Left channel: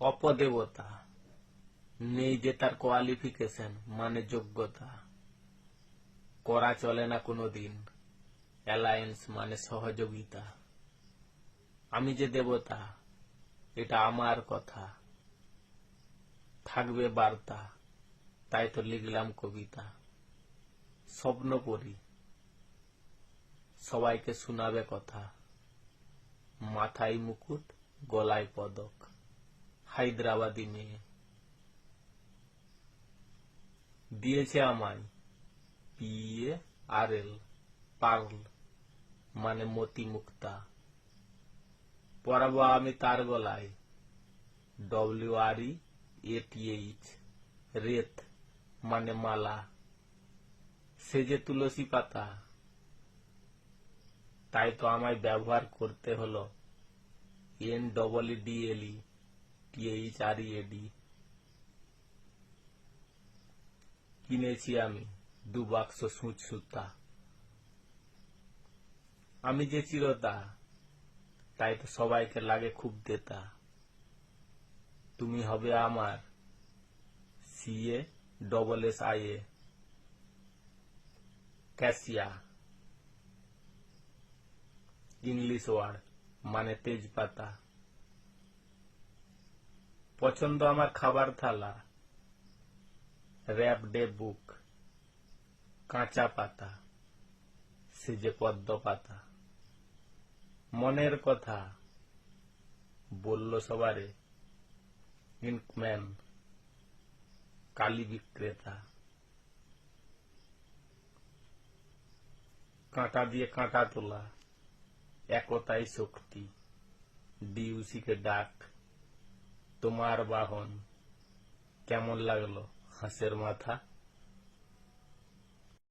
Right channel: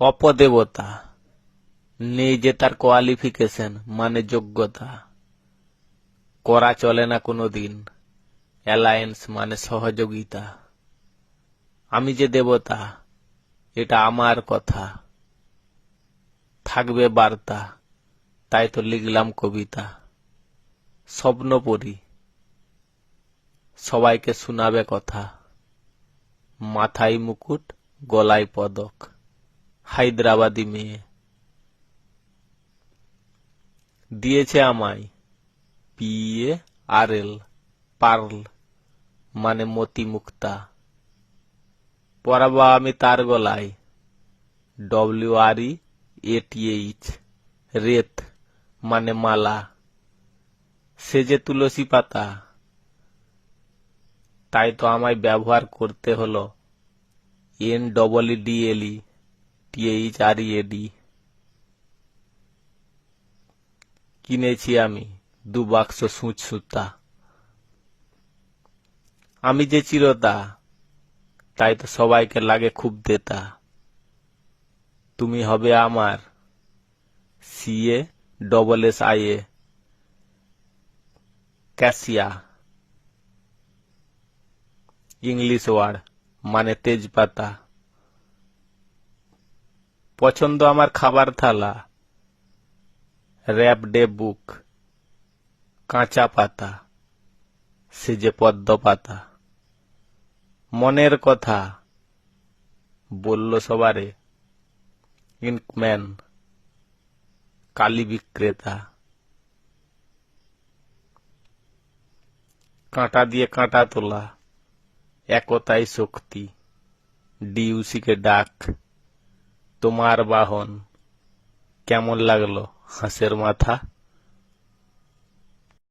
অপদেবতা, নেই যে তার কোয়ালিফিকেশন মানে যোগ্যতা, করা চলে না কোনোদিন অ্যালায়েন্স মানে সহযোগিতা। আমি যে দেবতা এটা আমার কথা, থাকবে বার্তা, তাই তো লিখলাম কবিতা। স্বপ্ন পড়ি, সবাইকে শোনাবে কথা, মাথায় মুকুট গলায় পদক, হায়দ্রাবাদী মেয়ে। দিয়েছে আমায় PARL, পার্ল মানে মতি মুক্তা। পরাবো আমি তার গলায় WREATH, রেত মানে মালা। সে যে তুলসী পাতা, তাই তো আমায় ব্যবহার করতে হলো NEEDLETHREAD। কিনেছি আমি 2 বাক্স সূচ সুতা। আমি যে চিরতা, তাই তো সবাইকে লাগে খুব দেতা। তুমি হবে আমার CASSIA, ক্যাসিয়া, ইংলিশ ওয়ার্ড মানে তেজপাতা। পছন্দ আমার খাবার থালা, র্যাপডে বুক, কাঁচা পাতা, সে যে পদ্ম পাতা। মনের কথা বলল সবারে ইঙ্কম্যান, কালি বিক্রেতা। কাঁটা দিয়ে কাঁটা তোলা, একতাই শক্তি, DUC-কে ডাক। তোমার বাহন, কেমন লাগলো হাঁসের মাথা।